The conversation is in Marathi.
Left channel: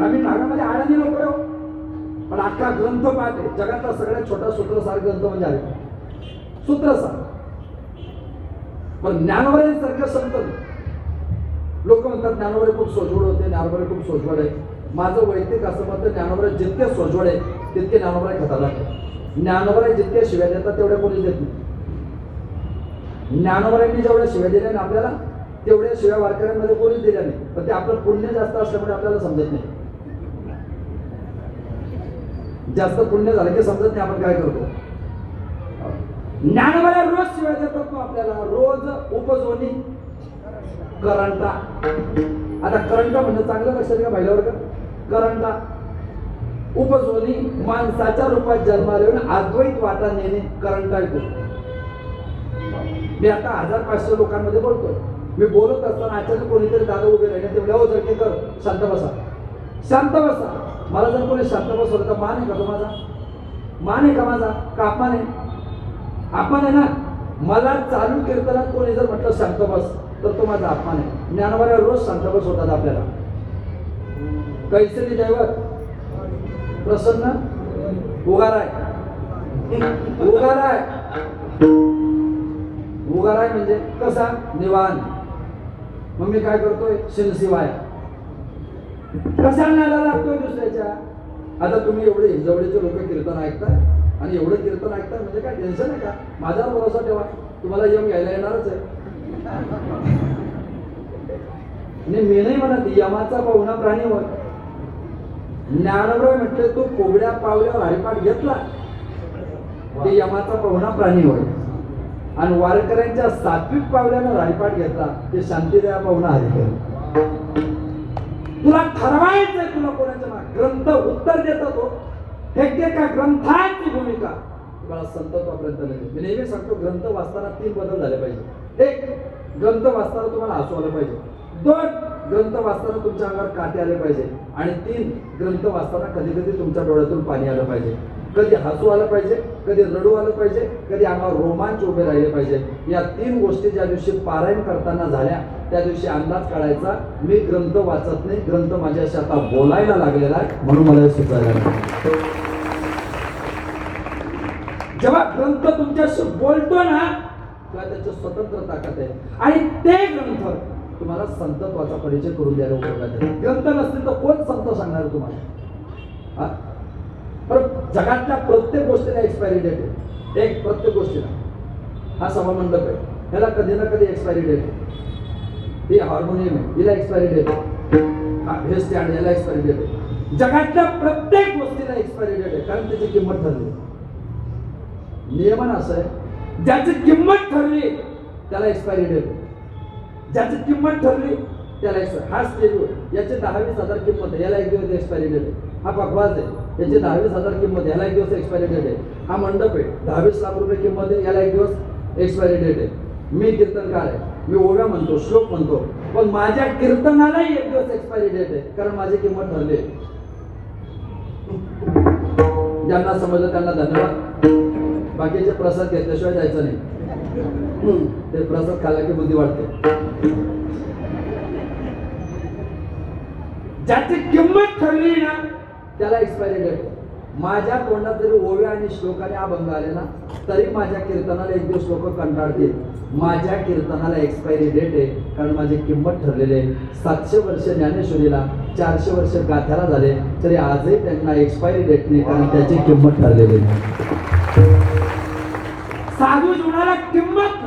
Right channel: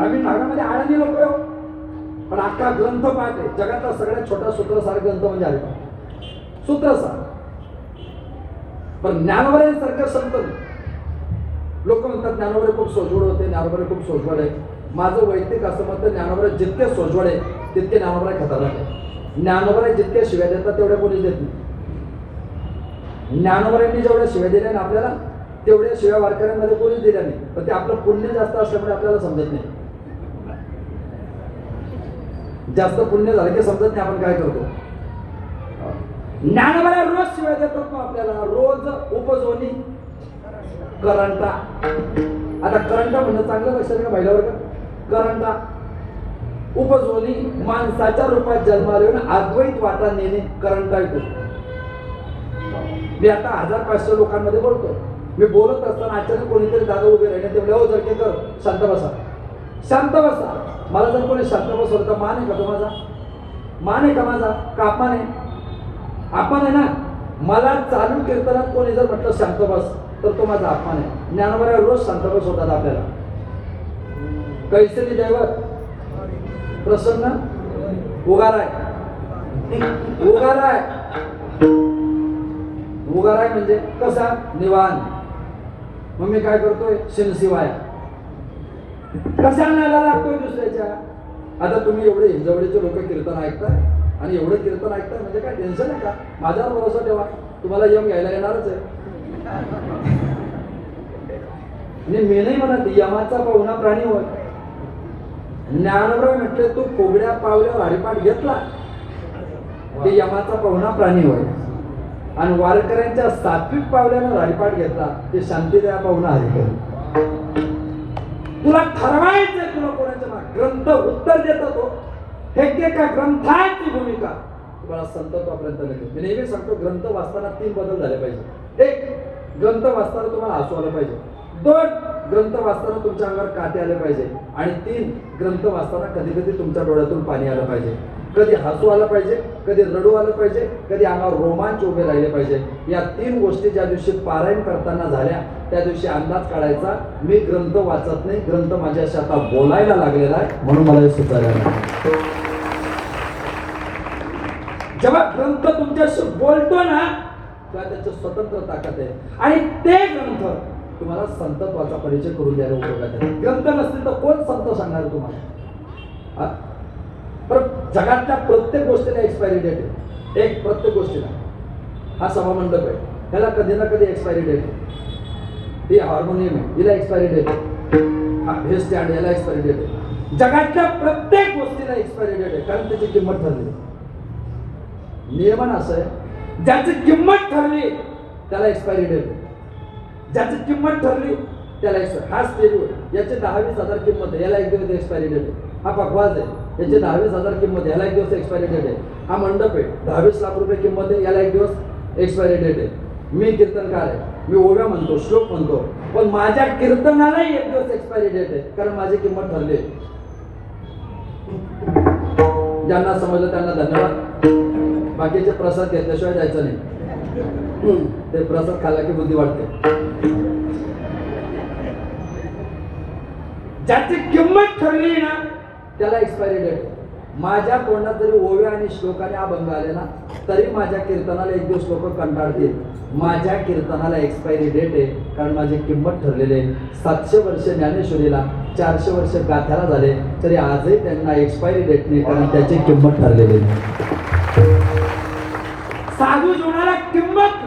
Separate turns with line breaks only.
ग्रामीण भागामध्ये आळंदी नको पण अख्खा ग्रंथ पाहते. जगातला सगळ्यात छोटा सूत्रसार ग्रंथ म्हणजे आहे सूत्रसार. पण ज्ञानवरे सारखं संत. लोक म्हणतात ज्ञानवरे खूप सोजवड होते ज्ञानवरे खूप सोजवड आहे. माझं वैयक्तिक असं मत ज्ञानवरे जितके सोजवड आहे तितके ज्ञानवरे खतरनाक आहे. ज्ञानवरे जितके शिव्या देतात तेवढ्या कोणी देत नाही. ज्ञानवरांनी जेवढ्या शिव्या दिल्या ना आपल्याला तेवढ्या शिव्या वारकऱ्यांमध्ये कोणीच दिल्या नाही. पण ते आपलं पुण्य जास्त असल्यामुळे आपल्याला समजत नाही. जास्त पुण्य झालं की समजत नाही आपण काय करतो. ज्ञानवऱ्या रोज शिवाय देतात आपल्याला. रोज उपजोनी करंटा. आता करंटा म्हणणं चांगलं लक्षात घ्या महिलावर करंटा उपजोनी माणसाच्या रूपात जन्माला येऊन अद्वैत वाटा नेणे करंटा येतो मी आता हजार पाचशे लोकांमध्ये बोलतो मी बोलत असताना अचानक कोणीतरी दादा उभे राहिले तेवढ्या हो जर कर शांत बसा. शांत बसा. मला जर कोणी शांत बसवलं तर मान आहे का तो माझा? मान आहे का माझा? का अपमान आहे? अपमान आहे ना? मला चालू कीर्तनात कोणी जर म्हटलं शांत बस तर तो माझा अपमान आहे. ज्ञानवाऱ्या रोज शांत बसवतात आपल्याला. कैसरी दैवत प्रसन्न उगाराय. उगाराय. उगाराय म्हणजे कसा? निवान. मग मी काय करतोय? शिनशिवाय. कसा नादा लागतोय दुसऱ्याच्या? आता तुम्ही एवढे जवळचे लोक कीर्तन ऐकताय आणि एवढं कीर्तन ऐकताय म्हणजे काय टेन्शन आहे का? माझ्यावर भरोसा ठेवा. तुम्हाला यम घ्यायला येणारच आहे. मी मी नाही म्हणत यमाचा पाहुणा प्राणी होय ज्ञानराव म्हटले तू कोबड्या पावल्यावर हरिपाठ घेतला. ते यमाचा पाहुणा प्राणी होय आणि वारकऱ्यांच्या सात्विक पावल्यावर हरिपाठ घेतला. ते शांतीदया पाहुणा हरिकर तुला ठरवायचं तुला कोणाचं ना ग्रंथ उत्तर देतो तो. हे ते का ग्रंथांची भूमिका. तुम्हाला सत्तत्वापर्यंत लागेल मी नेहमी सांगतो ग्रंथ वाचताना तीन बदल झाले पाहिजे एक ग्रंथ वाचताना तुम्हाला हसू आलं पाहिजे. दोन ग्रंथ वाचताना तुमच्या अंगावर काटे आले पाहिजे. आणि तीन ग्रंथ वाचताना कधी कधी तुमच्या डोळ्यातून पाणी आलं पाहिजे. कधी हसू आलं पाहिजे कधी रडू आलं पाहिजे कधी अंगावर रोमांच उभे राहिले पाहिजे. या तीन गोष्टी ज्या दिवशी पारायण करताना झाल्या त्या दिवशी अंदाज काढायचा मी ग्रंथ वाचत नाही ग्रंथ माझ्याशी आता बोलायला लागलेला आहे म्हणून मला हे सुचायला जेव्हा ग्रंथ तुमच्याशी बोलतो ना तेव्हा त्याचं स्वतंत्र ताकद आहे. आणि ते ग्रंथ तुम्हाला संतत्वाचा परिचय करून द्यायला उपयोगात आहे. ग्रंथ नसतील तर कोण संत सांगणार तुम्हाला? हा? जगातल्या प्रत्येक गोष्टीला एक्सपायरी डेट आहे. एक प्रत्येक गोष्टीला. हा सभामंडप आहे. ह्याला कधी ना कधी एक्सपायरी डेट आहे. हे हार्मोनियम आहे हिला एक्सपायरी डेट आहे. हा हे स्टँड याला एक्सपायरी डेट आहे. जगातल्या प्रत्येक गोष्टीला एक्सपायरी डेट आहे. कारण त्याची किंमत ठरली नियमन असं आहे. ज्याची किंमत ठरली त्याला एक्सपायरी डेट ज्याची किंमत ठरली त्याला एक्सपायरी हा स्टेज याचे दहा वीस हजार किंमत आहे. याला एक दिवस एक्सपायरी डेट आहे. हा पकवाज आहे. याचे दहा वीस हजार किंमत याला एक दिवस एक्सपायरी डेट आहे. हा मंडप आहे. दहा वीस लाख रुपये किंमत आहे. याला एक दिवस एक्सपायरी डेट आहे. मी कीर्तनकार आहे मी ओव्या म्हणतो श्लोक म्हणतो. पण माझ्या कीर्तनालाही एक दिवस एक्सपायरी डेट आहे कारण माझी किंमत ठरली. आहे. ज्यांना समजलं त्यांना धन्यवाद. बाकीचे प्रसाद घेतल्याशिवाय जायचं नाही. ते प्रसाद खाल्ला की बुद्धी वाटते ज्याची किंमत ठरली ना त्याला एक्सपायरी डेट आहे. माझ्या तोंडात जरी ओव्या आणि श्लोकाने अभंग आले ना तरी माझ्या कीर्तनाला एक दिवस लोक कंटाळतील माझ्या कीर्तनाला एक्सपायरी डेट आहे कारण माझी किंमत ठरलेली आहे. सातशे वर्ष ज्ञानेश्वरीला चारशे वर्ष गाथ्याला झाले तरी आजही त्यांना एक्सपायरी डेट नाही कारण त्याची किंमत ठरलेली साधू जीवनाला किंमत